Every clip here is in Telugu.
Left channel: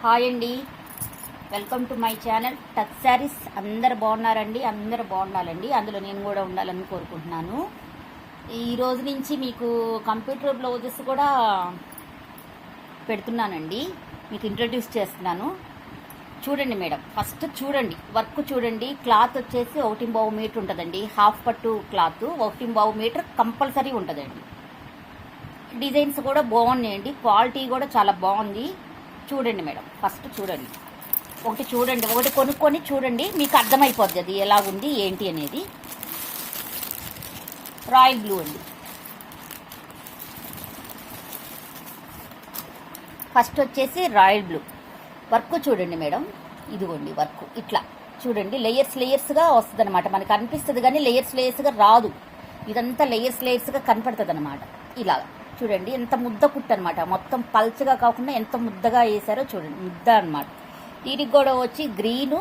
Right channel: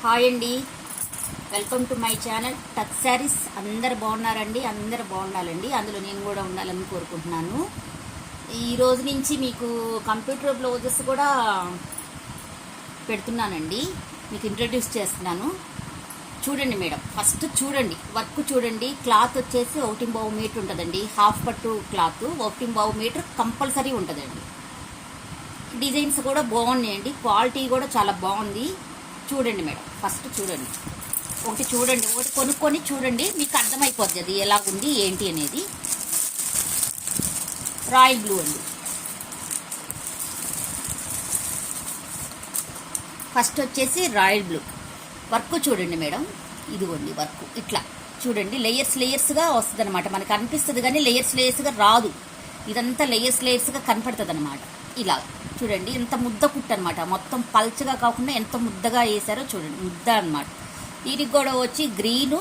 హాయ్ అండి, welcome to my channel touch saris. అందరు బాగున్నారండి, అందరు బాగుండాలండి, అందులో నేను కూడా ఉండాలని కోరుకుంటున్నాను. ఈ రోజు నుంచి మీకు కంప్యూటర్ బ్లౌజెస్ కూడా పెడుతున్నానండి, మీకు ఇంట్రడ్యూస్ చేస్తున్నాను. చూడండి మేడం, ఫస్ట్ చూడండి, వర్క్ చూడండి. క్లాత్ వచ్చేసి 1.5 మీటర్ ఉంటుందండి, హాఫ్ పట్టు క్లాత్ 1.5 మీటర్ కంపల్సరీ ఉంటుందండి. డిజైన్స్ కూడా బాగున్నాయండి, క్వాలిటీ కూడా చాలా బాగుంది. చూడండి మేడం, ఫస్ట్ చూడండి, ఒకటి కొనుక్కొని చూడండి, మీకు అర్థమైపోద్ది అది ఎలాగుంది ఏంటి అనేది. రాయల్ బ్లూ అండి. ఫస్ట్ వచ్చేసి రాయల్ బ్లూ. వర్క్ చూడండి మేడం, ఇదిగోండి వర్క్ ఇట్లా చూడండి, లేయర్స్గా వస్తుంది అనమాట. మనకు అనిపిస్తుంది కానీ లేయర్స్గా రాదు, ఇదంతా లేయర్స్గా కనపడుతుంది అనమాట. ఇలా చూడండి, ఎంత ముద్ద కుట్టు అనమాట, మొత్తం పల్చగా కాకుండా ఎంత ముద్దగా వేసారో చూడండి, ముద్ద అనమాట. వీటికి కూడా వచ్చి గ్రీను,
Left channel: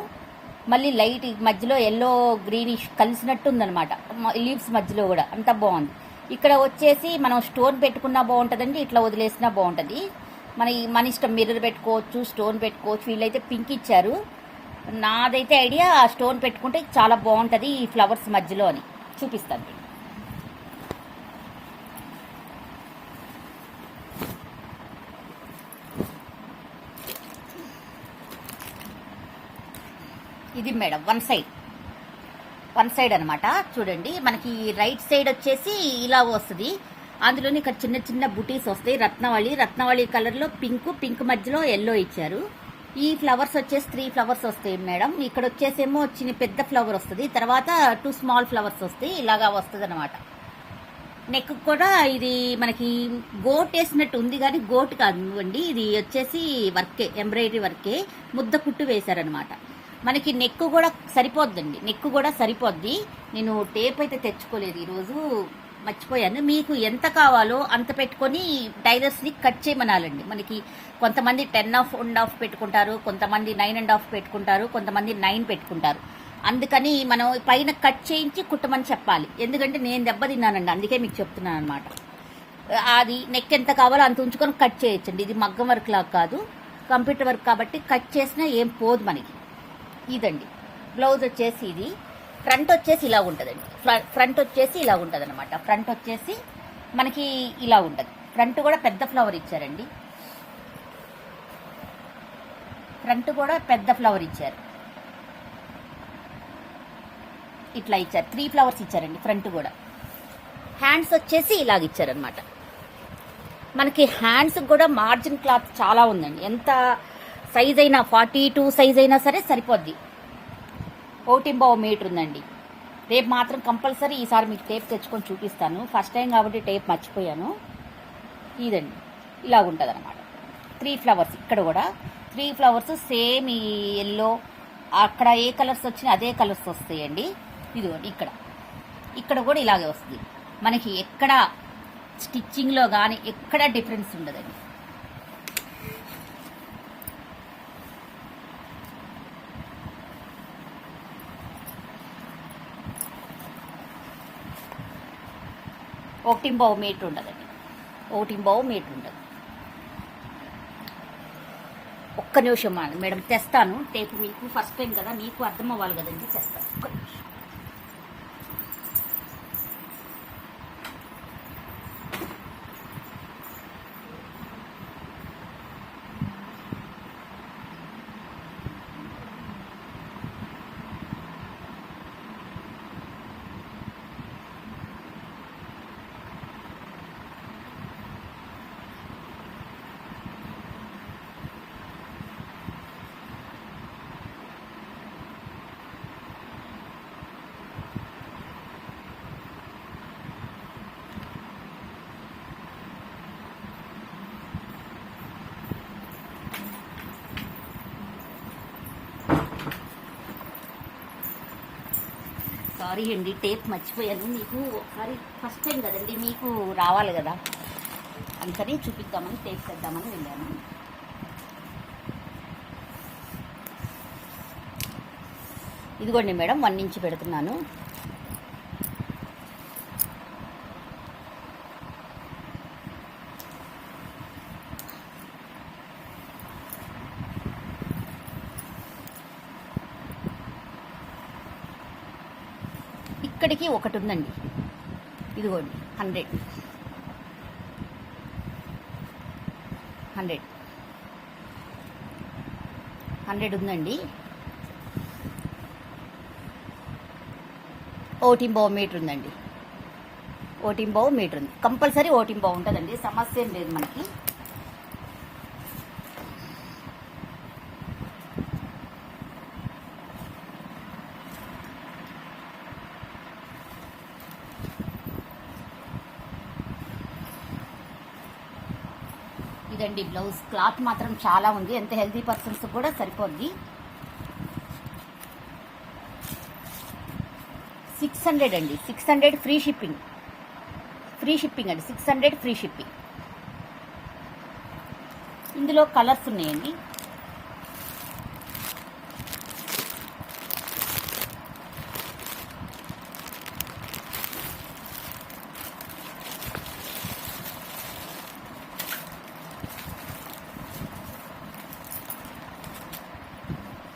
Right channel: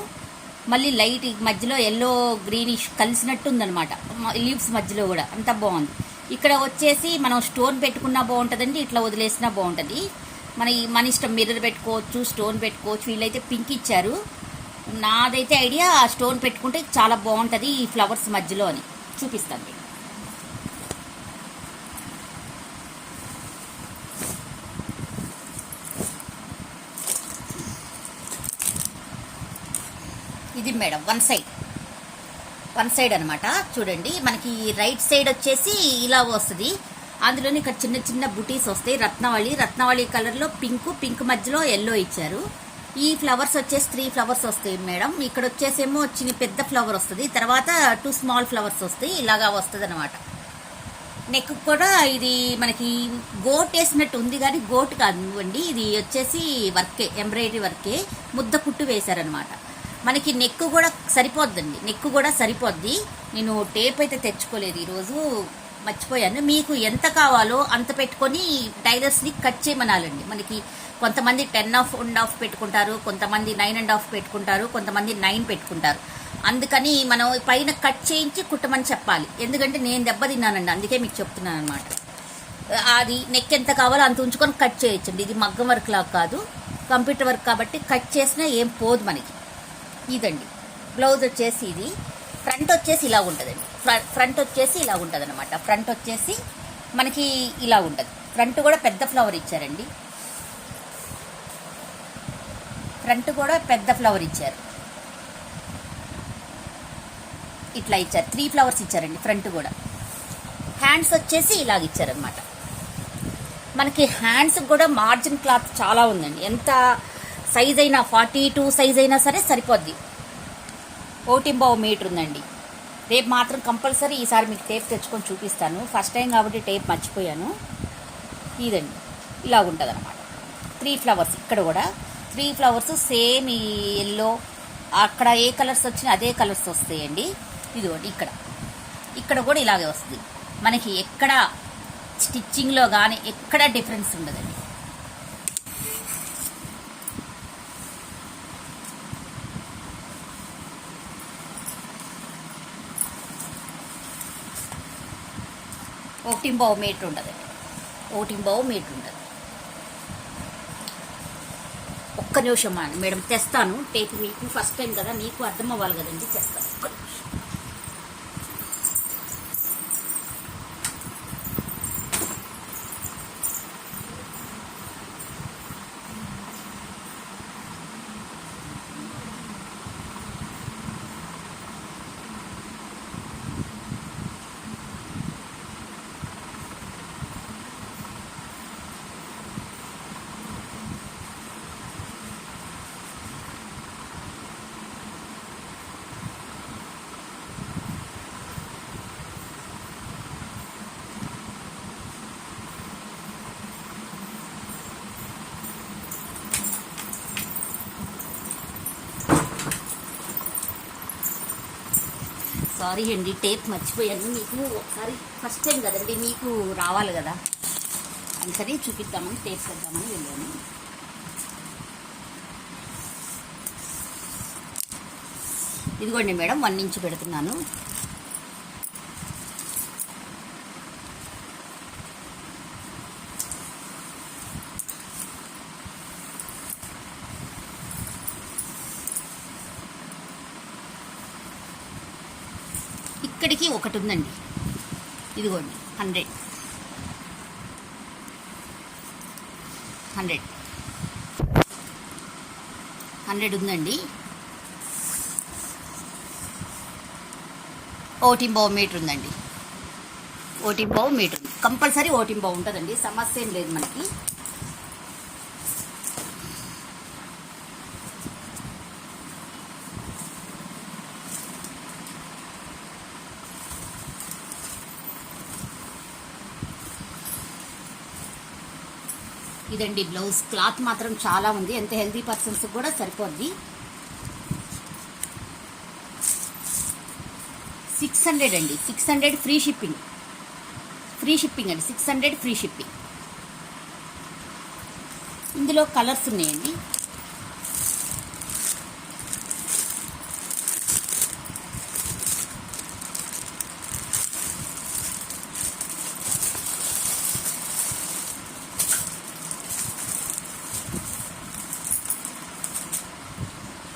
మళ్ళీ లైట్ మధ్యలో ఎల్లో గ్రీనిష్ కలిసినట్టు ఉందనమాట, లీవ్స్ మధ్యలో కూడా అంత బాగుంది. ఇక్కడ వచ్చేసి మనం స్టోన్ పెట్టుకున్నా బాగుంటుందండి, ఇట్లా వదిలేసినా బాగుంటుంది. మన ఇష్టం, మిర్రర్ పెట్టుకోవచ్చు, స్టోన్ పెట్టుకోవచ్చు. వీళ్ళైతే పింక్ ఇచ్చారు, నాదైతే ఐడియా స్టోన్ పెట్టుకుంటే చాలా బాగుంటుంది ఈ ఫ్లవర్స్ మధ్యలో అని చూపిస్తాను. ఇది మేడం వన్ సైడ్ అనమాట. చూడండి, మనకి రైట్ సైడ్ వచ్చేసి ఇలా వస్తుంది, అందులోని ఇక్కడ చిన్న చిన్న బుటీస్ వస్తాయి. రత్నవళి కలర్లో పింక్ మధ్యలో ఎల్లో ఇచ్చారు. ఈ ఫ్లవర్స్ వచ్చేసి 3 ఫ్లవర్స్ వస్తాయి మేడం. ఇక్కడ వచ్చేసేమో చిన్న పెద్ద ఫ్లవర్ వస్తుంది, తర్వాత 2 స్మాల్ ఫ్లవర్స్ వస్తాయి, ఇలాగా వస్తుంది అనమాట. నెక్ కూడా ఇది మనకి గోట్ వేసినట్టు ఉంది కానీ గోట్ కాదండి, ఇది వచ్చేసి వర్కే, ఎంబ్రాయిడరీ వర్కే, ముద్ద కుట్టు వేశారనమాట. మనకి నెక్ కూడా సరిపోద్ది. నేను టేప్ అయితే తెచ్చుకోలేదు, ఈరోజు మర్చిపోయాను. మీకు ఎంత కావాలో అంత పెట్టుకొని టైలర్స్ని కట్ చేయమనాలండి. మనకి కొంతమంది 10.5 పెట్టుకుంటారు, కొంతమంది 9.5 పెట్టుకుంటారు, కొంతమంది 9 పెట్టుకుంటారు. అందుకని మనం పైన కట్ చేయించి కుట్టమని చెప్పాలి, ఎందుకంటే నేను దెబ్బతిన్నానండి, అందుకే మీకు చెప్తున్నాను అనమాట. అది నెక్ ఎంత కావాలో అంత ఉంచుకొని కట్ చేయొచ్చండి. ఇది మగ్గం వర్క్ లాగా కాదు, కంప్యూటర్ వర్క్ కాబట్టి కట్ చేసినా ఏం పోదు మనకి. ఇదండి బ్లౌజ్ వచ్చేసి, ఇది ఫ్రంట్ వచ్చేసి ఇలా ఉంటుందండి. ఫ్రంట్ వచ్చేసి ఇలా ఉంటుంది అనమాట. ఫ్రంట్ వచ్చేసి మనకి ఇలా ఉంటుంది. ఫ్రంట్ కూడా పెద్ద ఫ్లవర్ ఇచ్చారండి, ఫ్రంట్ కూడా పెద్ద ఫ్లవర్ ఇచ్చారు, ఇట్లా ఇచ్చారు. 3 ఫ్లవర్స్ ఇచ్చారండి ఫ్రంట్ కూడా. హ్యాండ్స్ వచ్చేసి ఇలాగ ఇచ్చారనమాట. మనకి హ్యాండ్స్ కూడా మార్జిన్ క్లాత్ చాలా ఉందండి, ఎంత సైజ్ అయినా 42 సైజ్ అయినా సరే సరిపోద్ది. 1.5 మీటర్ ఉందండి. టేప్ మాత్రం కంపల్సరీ ఈసారి మీకు టేప్ తెచ్చుకొని చూపిస్తాను, ఫస్ట్ టైం కాబట్టి టేప్ మర్చిపోయాను. ఇదండి ఇలా ఉంటుంది అనమాట. 3 ఫ్లవర్స్, ఇక్కడ కూడా 3 ఫ్లవర్స్ సేమ్ ఈ ఎల్లో, అక్కడ ఏ కలర్స్ వచ్చినా అదే కలర్స్ వస్తాయండి. ఇదిగోండి ఇక్కడ కూడా ఇలాగే వస్తుంది. మనకి ఎక్కడ స్టిచ్చింగ్లో కానీ ఎక్కడ డిఫరెన్స్ ఉండదండి. ఒకటి మీటర్ ఉండదు, ఒక్క నిమిషం మేడం తెస్తాను టేప్, మీకు ఫస్ట్ టైం కదా, మీకు అర్థం అవ్వాలి కదండి, తెస్తాను. సారీ అండి, టేప్ మర్చిపోయాను. మీకు ఒకసారి ఫస్ట్ టైం కదండి, మీకు రావాలి కదా, అందుకని చూపిద్దామని టేప్ చేద్దామని వెళ్ళాను. ఇదిగోండి మేడం, 1 ఇంచ్ పెడుతున్నాను. ఇక్కడికి ఒకటి ఉందండి, ఇదిగోండి 100 ఉందండి. 1.5 మీటర్ ఉందండి. 1.5 మీటర్ ఉంది. కంపల్సరీ 1.5 ఉంటుందండి, సమస్య ఏం లేదు మనకి. ఇదండి బ్లౌజ్. క్లాత్ మాత్రం చాలా ఉంది, ఎంత హెల్తీ పర్సన్స్ కూడా సరిపోద్ది. 600 అండి, 600 ఫ్రీ షిప్పింగ్ అండి, 600 ఫ్రీ షిప్పింగ్. ఇందులో కలర్స్ ఉన్నాయండి.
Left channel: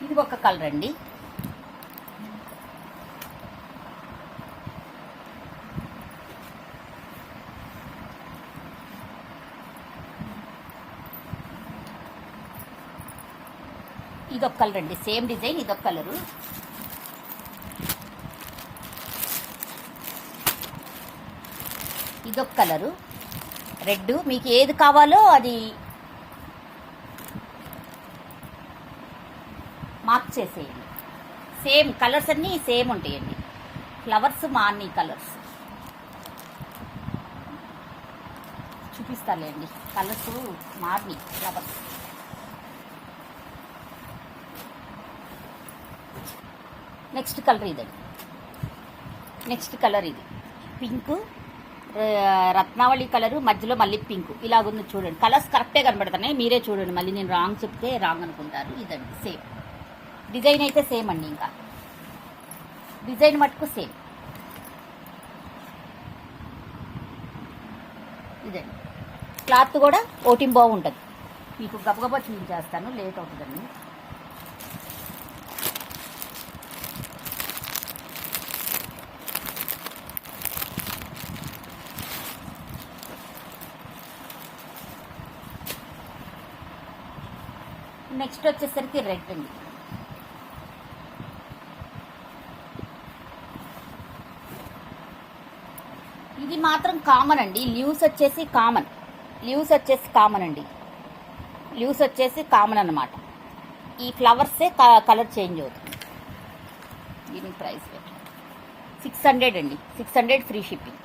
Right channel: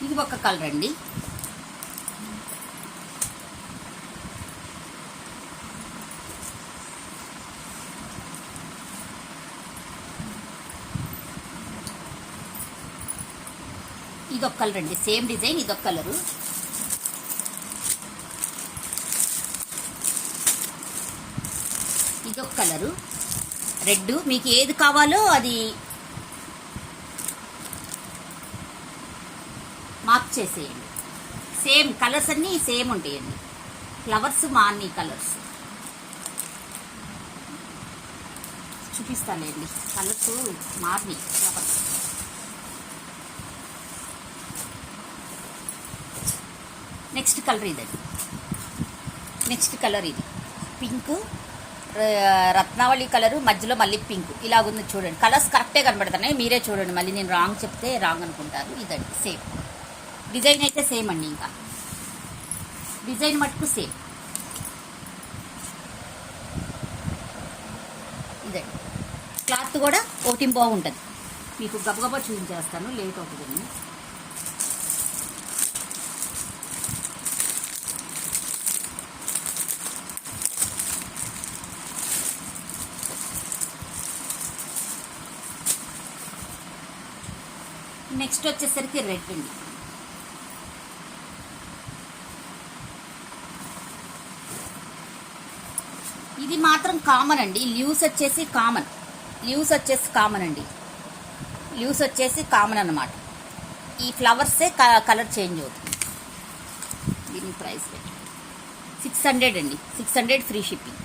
ఇది ఒక కలర్ అండి. ఇదొక కలర్ అండి, సేమ్ డిజైన్, ఇదొక కలరు. ఇదొక కలరు రెడ్. మీకు ఏది కావాలో అది మార్క్ చేసేయండి. సేమ్ కలర్స్ అన్నీ సేమ్ ఉంటాయండి. ఫ్లవర్స్ అన్ని కలర్స్ చూపిస్తానండి. కలర్స్ మార్ని ఫ్లవర్స్. నెక్స్ట్ కలర్ ఇదండి. నెక్స్ట్ కలర్ ఇది పింక్, రత్నావళి కలరు, మధ్యలో మళ్ళీ పింక్, ఇలాగుంది చూడండి. కలర్స్ కరెక్టే కనబడుతున్నాయి, మీరే చూడండి. మళ్ళీ నేను రాంగ్ చెప్తే రాంగ్ అనుకుంటారు. ఇదండి సేమ్ డిజైన్ అయితే సేమ్ అండి, ఇంకా డిజైన్ మటుకు సేమ్. ఇదండి క్లాత్ కూడా 1.5 ఉంటుంది. మీకు గబగబా చూపించేస్తాను, లేట్ అవుతుందండి. నెక్స్ట్ వచ్చేసరికి రెడ్ అండి. ఇది మాత్రం కామన్ అండి. లీవ్స్ వచ్చేసి కామన్ అండి. లీవ్స్ వచ్చేసి కామన్ అన్నమాట. ఈ ఫ్లవర్సే కలర్ చేంజ్ అవుతుంది. దీని ప్రైస్ 600 అండి, 600 ఫ్రీ షిప్పింగ్.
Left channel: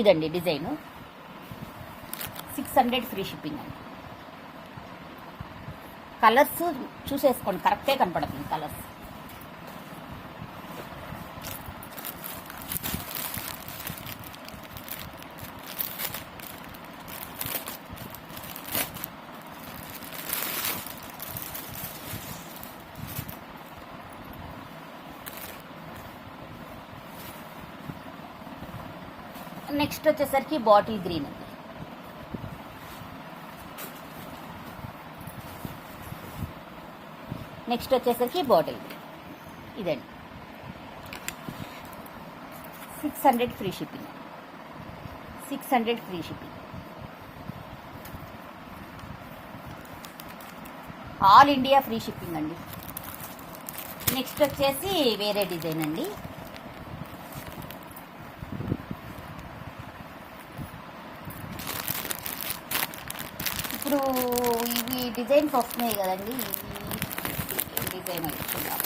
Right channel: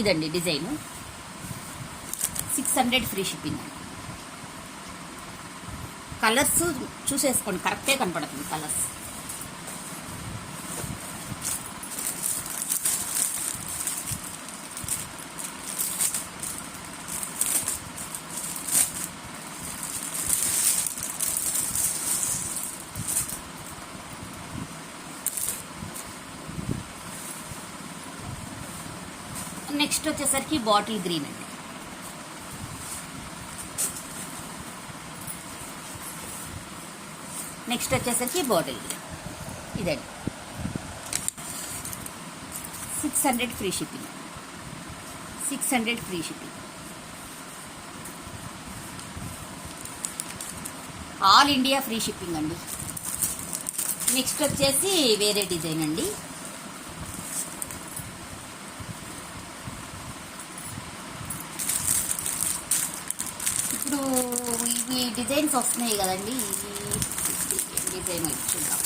ఇదండి డిజైను, 600 ఫ్రీ షిప్పింగ్ అండి. కలర్స్ చూసేసుకోండి, కరెక్టే కనపడుతుంది కలర్స్. నెక్స్ట్ వచ్చేసరికి బాటిల్ గ్రీన్ అండి. నెక్స్ట్ వచ్చేసరికి బాటిల్ గ్రీన్. ఇదండి 600 free shipping. 600 free shipping. All India free shipping అండి. నెక్స్ట్ వచ్చేసి వేరే డిజైన్ అండి. ఇప్పుడు ఇవి డిజైన్స్ వస్తున్నాయి కదండి, ఈ డిజైన్ చూద్దాం.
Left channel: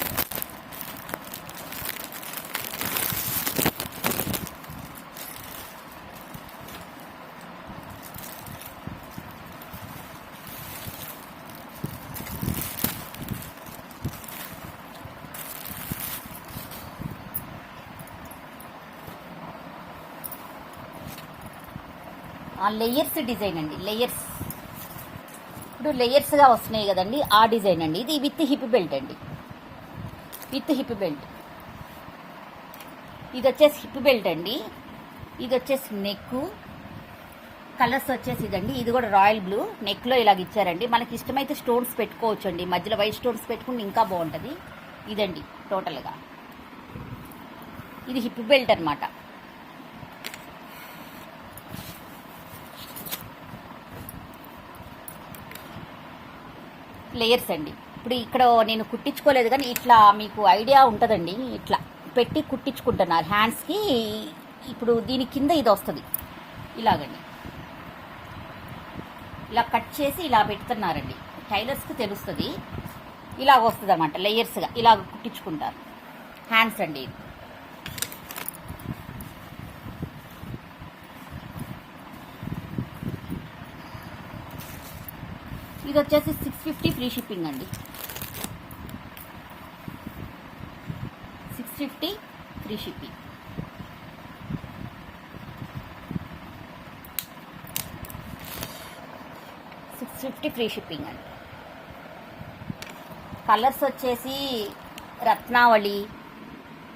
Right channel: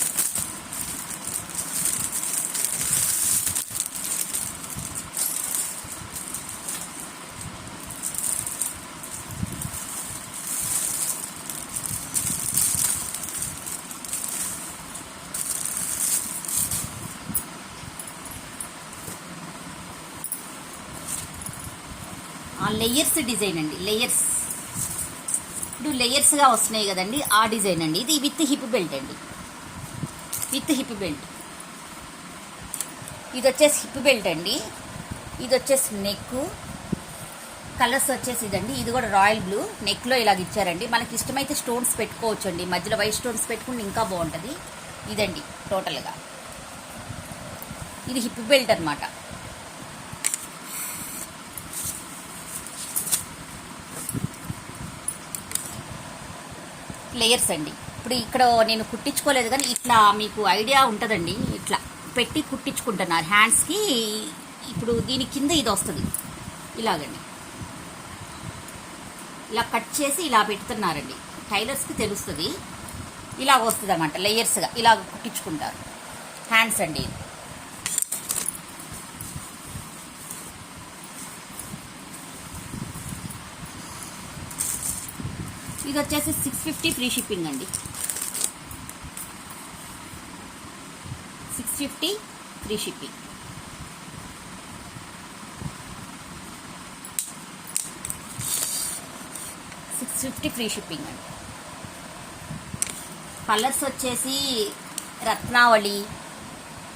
లేయర్స్ డిజైన్ అండి. లేయర్స్ ఇప్పుడు లేయర్స్గా వస్తున్నాయి కదండి, ఆ డిజైన్ అండి. ఇది విత్ హిప్ బెల్ట్ అండి, విత్ హిప్ బెల్ట్. ఇది వచ్చేసి హిప్ బెల్ట్ అండి. ఇది వచ్చేసి నెక్. కలర్స్ వచ్చేసి ఇదండి. ఇది కూడా రాయల్ బ్లూ, నెక్లో ఇలాగ ఇచ్చారండి. మనకి ఇష్టమైతే స్టోన్స్ పెట్టుకోవచ్చు అండి, మధ్యలో వైట్ స్టోన్స్ పెట్టుకుంటే ఇంకా బాగుంటుంది. ఇదండి టోటల్గా. ఇది హిప్ బెల్ట్ అనమాట. లేయర్స్ అండి. ఇప్పుడు ఇక్కడ నేను కుట్టించుకోలేదు కానీ ఇట్లా మీకు ఐడియా ఉంటుందండి. ఇట్లా పెట్టి కుట్టించుకుంటున్నారు హ్యాండ్స్కి. ఇప్పుడు దీని కింద ఇది వస్తుంది ఇలాగండి, ఇలా కట్ చేసి ఇలా పెడుతున్నారండి. టైలర్స్కి తెలుస్తుంది. ఇలా వస్తుంది అన్నమాట లేయర్స్గా, ఇలా కుట్టించుకుంటారు హ్యాండ్స్ అండి. ఇది వచ్చేసి 650 ఫ్రీ షిప్పింగ్ అండి. 650 ఫ్రీ షిప్పింగ్. ఫ్రీ షిప్పింగ్ అండి. కలర్స్ వచ్చేసి రత్నావళి,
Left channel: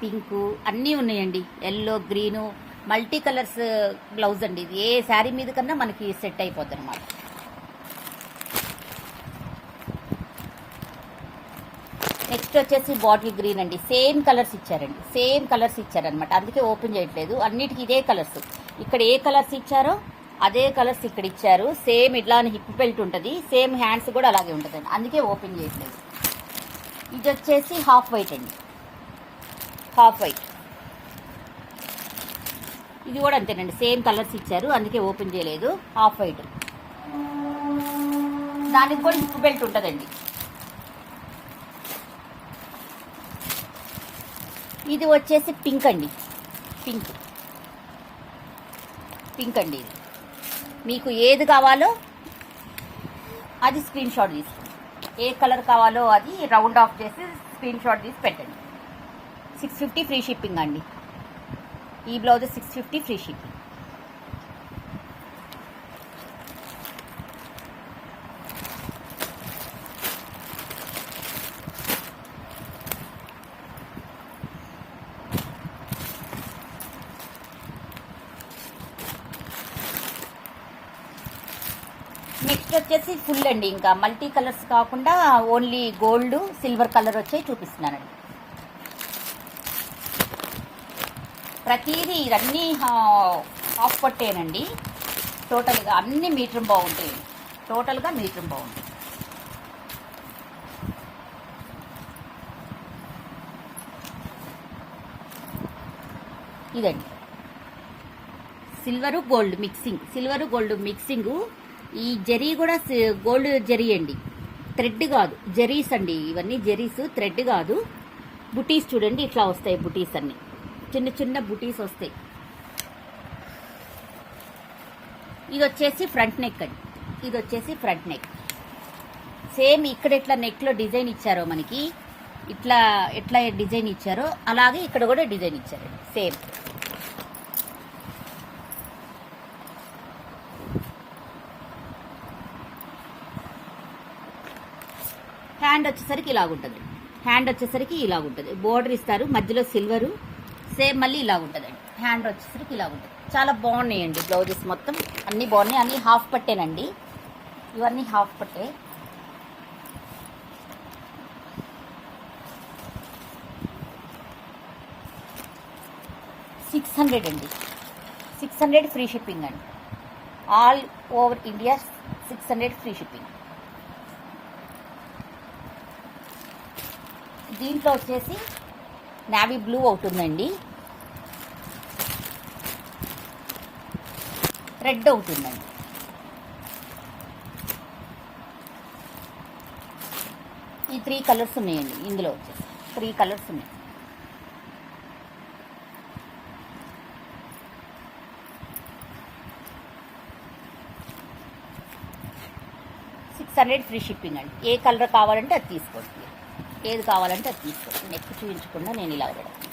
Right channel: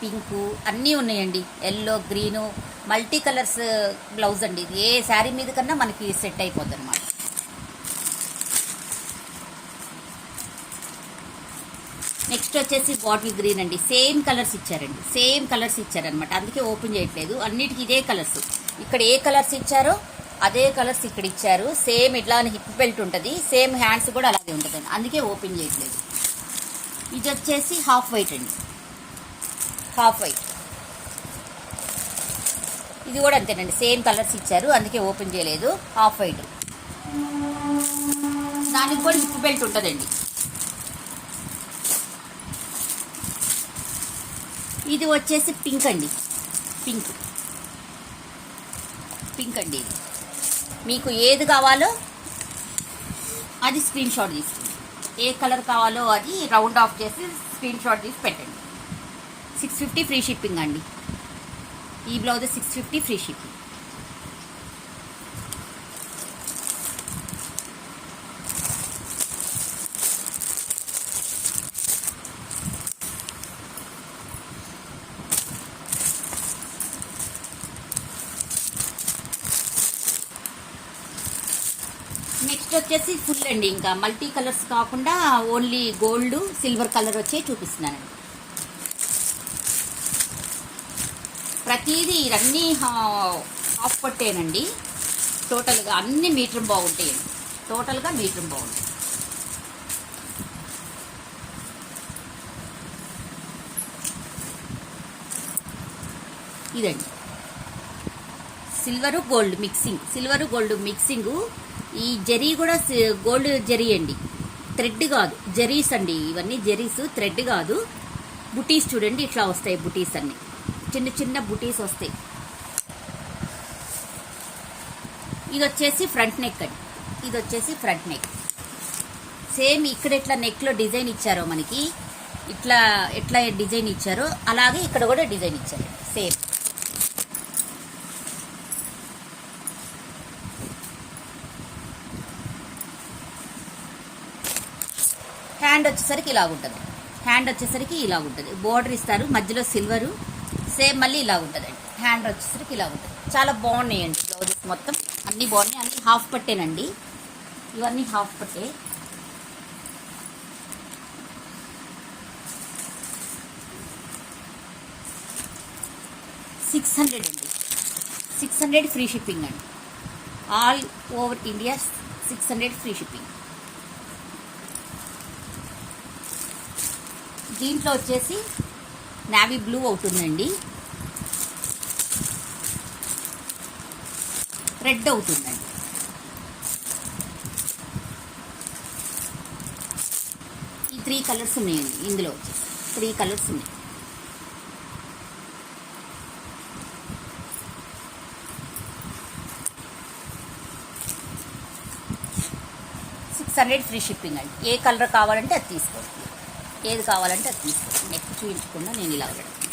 పింకు అన్నీ ఉన్నాయండి. Yellow, green, multi colours blouse అండి. ఏ శారీ మీద కన్నా మనకి సెట్ అయిపోద్ది అనమాట. నెక్స్ట్ వచ్చేసి బాటిల్ గ్రీన్ అండి. సేమ్ కలర్స్ ఇచ్చారనమాట. అందుకే ఓపెన్ చేయట్లేదు. అన్నిటికీ ఇదే కలర్స్. ఇక్కడ ఏ కలర్స్ ఇచ్చారో అదే కలర్స్ ఇక్కడ ఇచ్చారు. సేమ్ ఇట్లానే హిప్ బెల్ట్ ఉంటుంది. సేమ్ హ్యాండ్స్ కూడా అలాగే ఉంటుందండి. అందుకే ఓపెన్ చేయట్లేదు. ఇది వచ్చేసి హాఫ్ వైట్ అండి. Half white. ఇది కూడా అంతేనండి. సేమ్ కలర్స్ ఇచ్చారు. అందుకే ఓపెన్ చేయలేదు. Half white. దానికి కూడా హిప్ బెల్ట్ ఉంటుందండి. ఇది వచ్చేసి పింక్ అండి. పింక్ అండి. ఇది మీకు ఏది కావాలో అది స్క్రీన్ షాట్ తీసుకోండి. ఏ కలర్ కావాలో అది రౌండ్ ఆఫ్ చేసి స్క్రీన్ షాట్ తీసి పెట్టండి. 650 ఫ్రీ షిప్పింగ్ అండి. ఈ బ్లౌజ్ 650 ఫ్రీ షిప్పింగ్. నెక్స్ట్ వచ్చేసి ఫుల్ అండి. ఇంకా మల్టీ కలర్స్ కాకుండా ఓన్లీ గోల్డ్, సిల్వర్ కలర్ వచ్చే చూపిస్తున్నానండి. ప్రతిదీ అన్నీ హాఫ్ పట్టేనండి. టోటల్గా అన్ని మీటర్ బాగుంటాయి. ఇదండి సిల్వరు గోల్డ్ మిక్సింగ్. ఈ జరీ కూడా గోల్డ్ జరీ అండి, థ్రెడ్ కాదు. జరీస్ అండి ఇవన్నీ. జరీస్, థ్రెడ్ కాదు. బుటీస్ చూడండి ఇట్లా వస్తాయి. బుటీస్ అన్ని చిన్న చిన్న బుటీస్ వస్తాయి. ఇది వచ్చేసి ఫ్రంట్ నెక్ అండి. సేమ్ ఇక్కడ ఎట్లా నెక్లో డిజైన్ ఇచ్చారో మనకి, ఎట్లా డిజైన్ ఇచ్చారో అలాగే ఇక్కడ కూడా డిజైన్ ఇచ్చారు సేమ్. హ్యాండ్ వచ్చేసరికి ఇలాగుంటుంది. బోర్డర్ ఇస్తారు, మధ్యలో సిల్వరు. సేమ్ మళ్ళీ ఇలాగుంటుందండి. హ్యాండ్ వచ్చేసరికి ఇలాగుంటుంది. చాలా బాగున్నాయండి బ్లౌజెస్. మొత్తం అన్నీ బాగున్నాయి. అన్నీ హాఫ్ పట్టేనండి. ఇవన్నీ హాఫ్ పట్టే. $600 అండి. 600 ఫ్రీ షిప్పింగ్ అండి. All over India 600 free shipping. దీంట్లో వచ్చేసి నావీ బ్లూ అవుతుందండి, రెడ్ అవుతుందండి. ఈ 3 కలర్స్ ఉన్నాయండి. ఇందులో వచ్చేసి 3 కలర్స్ ఉన్నాయి. $600 ఫ్రీ షిప్పింగ్ అండి. ఏ కలర్ కావాలంటే అది తీసుకోండి. ఏది కావాలంటే అది తీసుకోండి. నెక్ చూపించకుండా నేను ఇలా పెడతాను.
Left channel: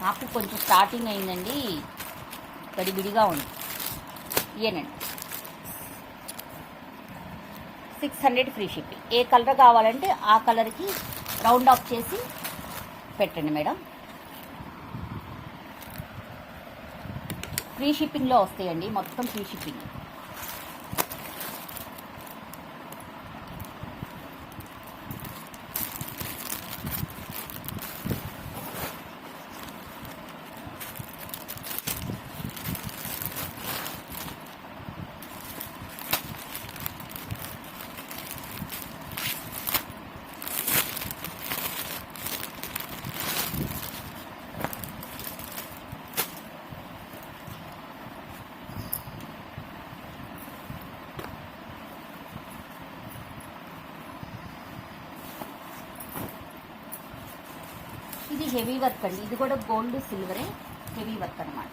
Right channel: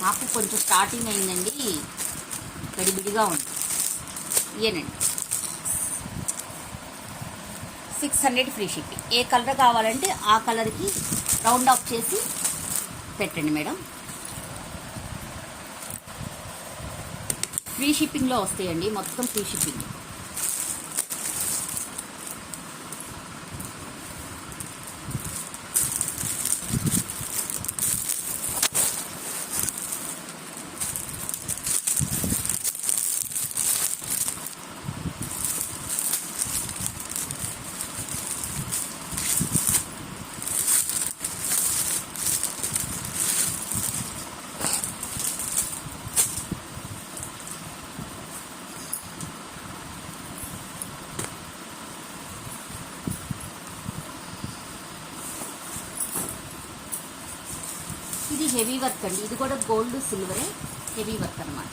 నాకు కొంచెం స్టార్టింగ్ అయిందండి, గడిబిడిగా ఉంది. ఇయేనండి 600 ఫ్రీ షిప్పింగ్. ఏ కలర్ కావాలంటే ఆ కలర్కి రౌండ్ ఆఫ్ చేసి పెట్టండి మేడం. ఫ్రీ షిప్పింగ్లో వస్తాయండి. మొత్తం ఫ్రీ షిప్పింగ్. హెవీ వర్క్ అండి, ఇది కూడా గోల్డ్ సిల్వరే, హెవీ వర్క్ అనమాట.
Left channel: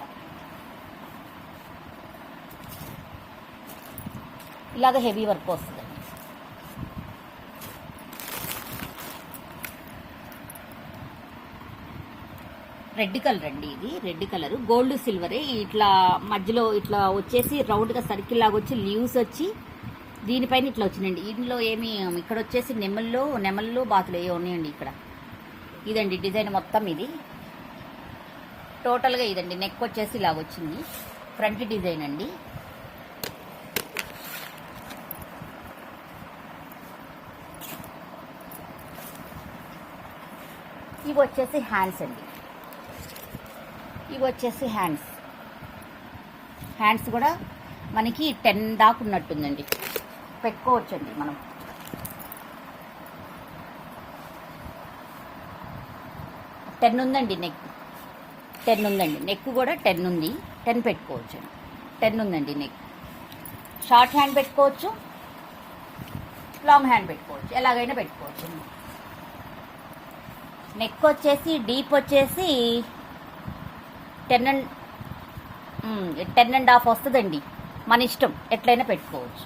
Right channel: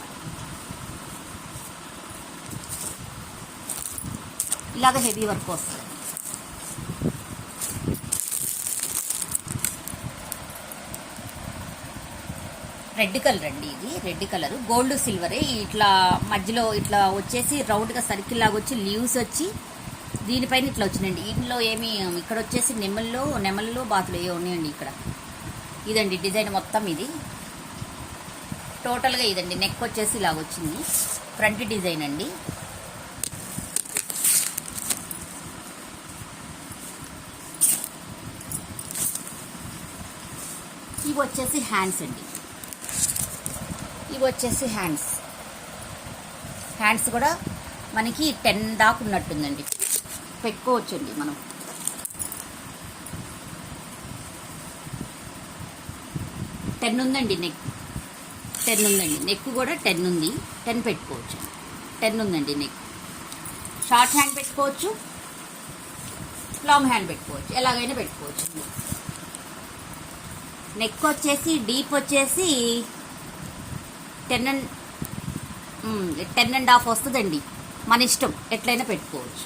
ఇలాగ హెవీ వర్క్ వస్తుంది. రెడ్ కలర్ అండి, ఇది రెడ్ కలర్ గోల్డ్ సిల్వరే. ఇట్లా మధ్యలో ఇట్లా వచ్చేసి రౌండ్గా సర్కిల్ లాగా వచ్చి లీవ్స్ వచ్చి దీనిపైన ఇట్లా వచ్చిందండి. ఇందులో ఏమి ఇక్కడ వచ్చేసి నెమళ్ళు బాతులు ఏ ఉన్నాయండి ఇక్కడ. ఇదండి డిజైన్ మొత్తం, ఇది టోటల్గా ఇదండి. నెక్ వచ్చేసి ఇలాగ వచ్చింది, ఫ్రంట్ డిజైన్ అండి. ఇవి వచ్చేసి హ్యాండ్స్ అండి, ఇవి వచ్చేసి హ్యాండ్స్ కూడా మనకి 10 దాకా ఉన్నట్టుందండి, పెట్టుకోవచ్చండి మనం. టెన్ ఉందండి నెక్ కూడా 10 ఉంది, 10 పెట్టుకోవచ్చు. 10 ఉందండి నెక్. షార్ట్ హ్యాండ్ పెట్టుకోవచ్చు, లాంగ్ హ్యాండ్ పెట్టుకోవచ్చు, ఎలాగైనా పెట్టుకోవచ్చు. నెక్ వచ్చేసి డీప్ వచ్చేసి 10.5 వస్తుందండి, మన ఇష్టం, ఎట్లయినా పెట్టుకోవచ్చు.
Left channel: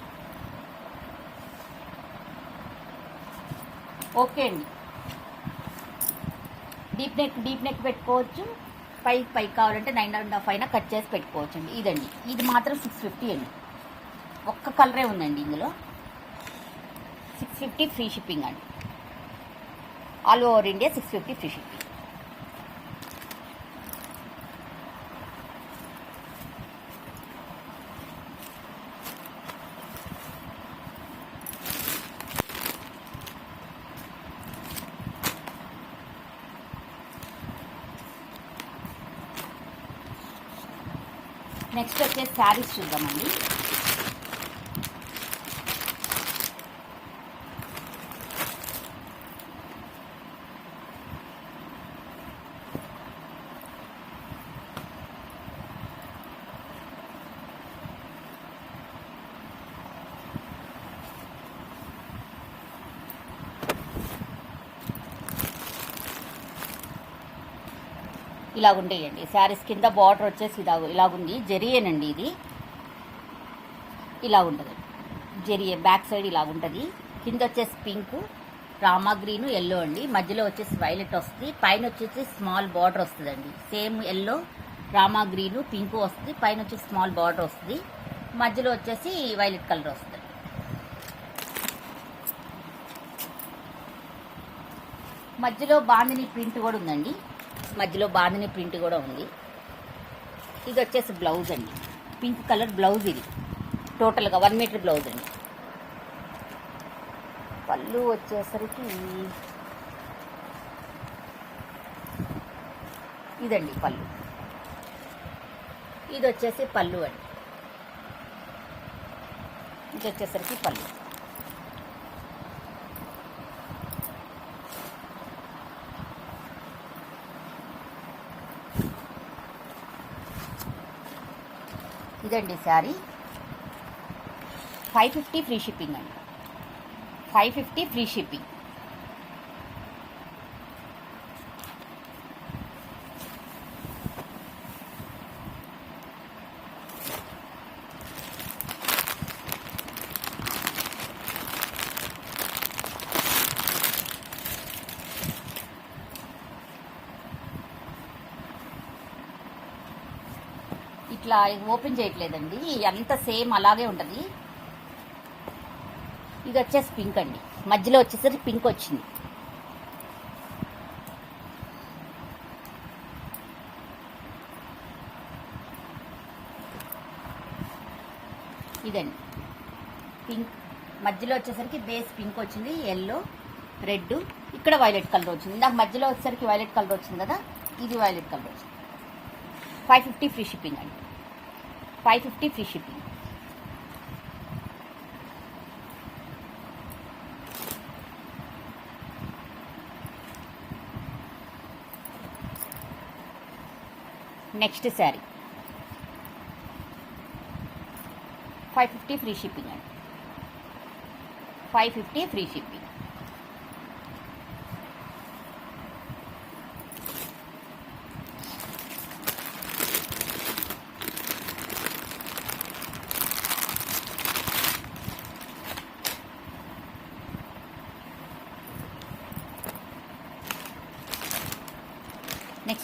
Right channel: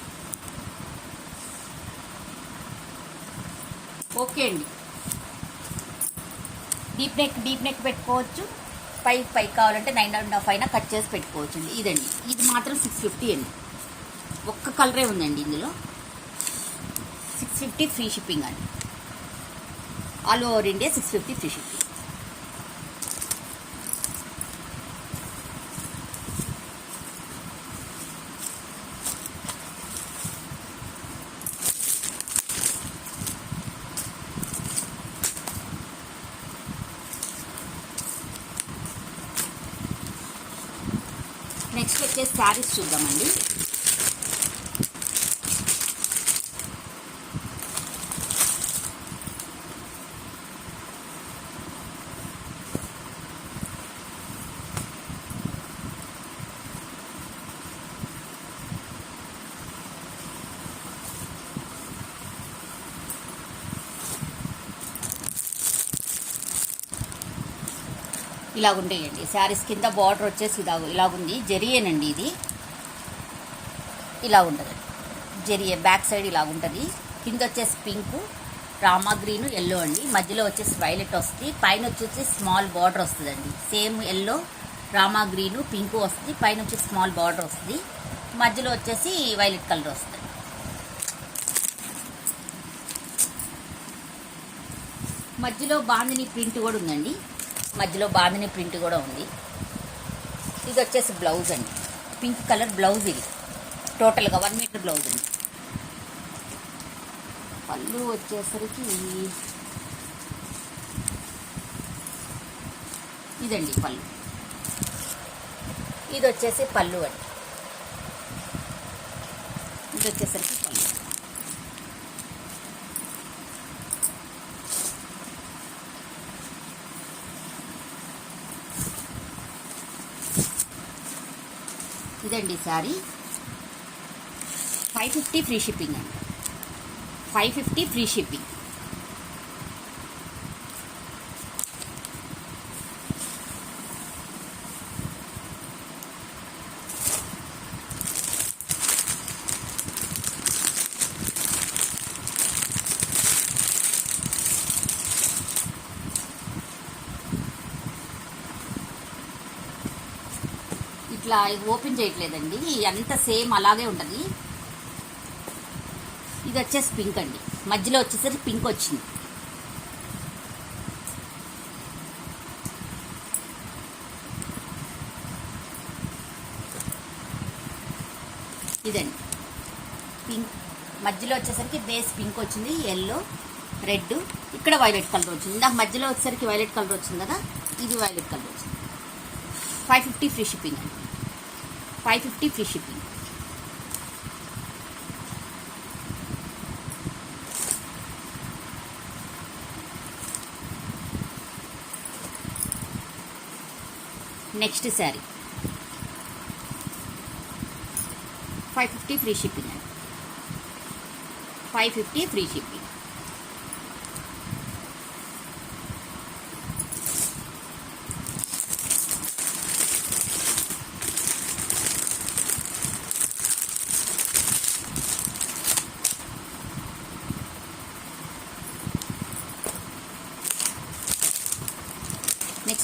ఓకే అండి. డీప్ నెక్ పెట్టుకోవచ్చు, పైకి కావాలంటే 9.5 అయినా కట్ చేసి పెట్టుకోవచ్చు అండి. ఇదండి, ఇది మాత్రం 650 అండి, ఒక్క కలరే ఉందండి ఇందులో. 650 ఫ్రీ షిప్పింగ్ అండి, all over India 650 free shipping. Next వచ్చేసి శారీస్ చూద్దామండి. ఇలాగుంటాయండి శారీస్. కింద బార్డర్ వచ్చేసి ఇలాగుంది, జెరియేనండి ఇది. ఇలా ఉంటుందండి జెరియే, బ్యాక్ సైడ్ ఇలాగుంటుంది. కింద వచ్చేసి పింక్, రామా గ్రీన్, ఎల్లో అండి. మధ్యలో వచ్చేసి వైలెట్ వస్తుంది, పైన వచ్చేసి స్మాల్ బార్డర్ వస్తుందండి. Same yellow, Rama green, pink వస్తుంది, పైన వచ్చేసి స్మాల్ బార్డర్ వస్తుంది, మధ్యలో వచ్చేసి వైలెట్ కలర్ వస్తుంది. మధ్యలో బాందిని ప్రింట్ కూడా ఉందండి, మధ్యలో బాందిని ప్రింట్ కూడా ఉంది. ఇది వచ్చేసి బ్లౌజ్ అండి, పింక్ కలర్ బ్లౌజ్. ఇది టోటల్గా 1 మీటర్ బ్లౌజ్ అండి. పళ్ళు వచ్చేసరికి ఇదండి పళ్ళు. ఇది వచ్చేసి పళ్ళు అండి, ఇది వచ్చేసరికి పళ్ళు. ఇదండి శారీ. 550 ఫ్రీ షిప్పింగ్ అండి, 550 ఫ్రీ షిప్పింగ్. ఇట్లా ఓపెన్ చేయట్లేదండి, అంత సేమ్ అలాగే ఉంటుంది. ఇది వచ్చేసి పింక్ అండి, మధ్యలో వచ్చేసరికి పింక్ వచ్చింది. ఇదండి పింక్, మధ్యలో వచ్చేసరికి బేస్ పింక్ వచ్చింది, ఎల్లో, రెడ్, ఇక్కడ వైలెట్ కలర్ వచ్చింది. నాకు మధ్యలో వచ్చేసరికి వైలెట్ కలర్ వచ్చింది కదా, ఇది వైలెట్ కలర్ వచ్చింది. 550 ఫ్రీ షిప్పింగ్ అండి, 550 free shipping. Next sari 550 free shipping అండి, 550 ఫ్రీ షిప్పింగ్.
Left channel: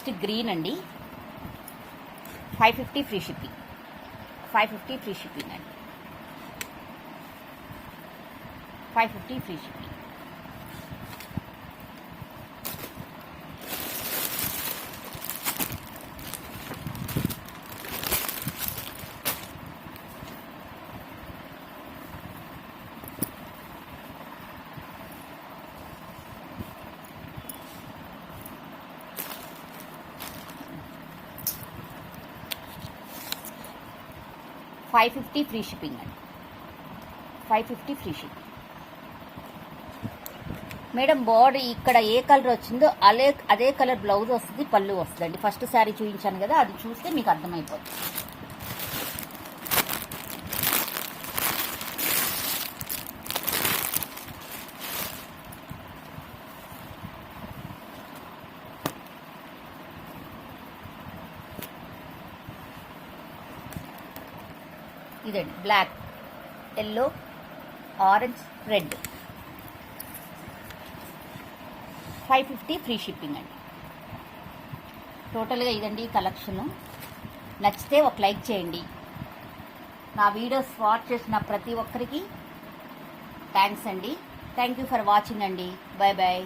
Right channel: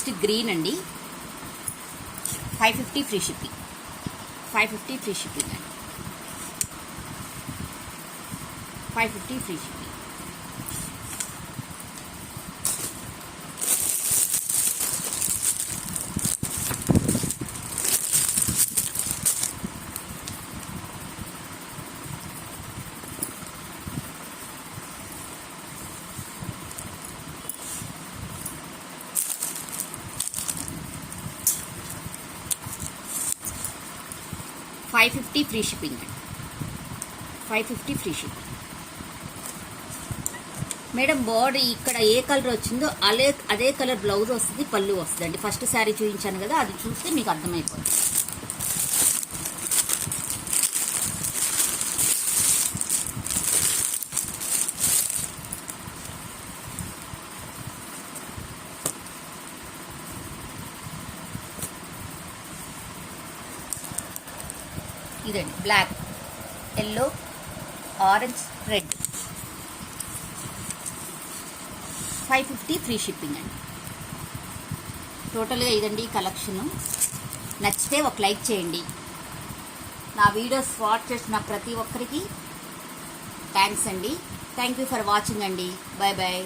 నెక్స్ట్ గ్రీన్ అండి, 550 ఫ్రీ షిప్పింగ్, 550 ఫ్రీ షిప్పింగ్ అండి, 550 ఫ్రీ షిప్పింగ్. $550 ఫ్రీ షిప్పింగ్ అండి, 550 ఫ్రీ షిప్పింగ్. మేడం బాడీ ఇక్కడ ఏ కలర్ వచ్చిందో అదే కలర్ బ్లౌజ్ వస్తుంది, పళ్ళు వస్తుందండి. ఫస్ట్ శారీ చూపించాను కదా, అది చూస్తే మీకు అర్థమైపోతుంది. ఇదండి black, yellow, orange, red, 550 free shipping అండి. టోటల్గా ఇదండి కలెక్షను. నచ్చితే ఒక లైక్ చేయండి. నా వీడియోస్ వాచ్ చేసిన ప్రతి ఒక్కరికి థ్యాంక్స్ అండి. థ్యాంక్ యూ ఫర్ వాచింగ్ అండి. Bye bye.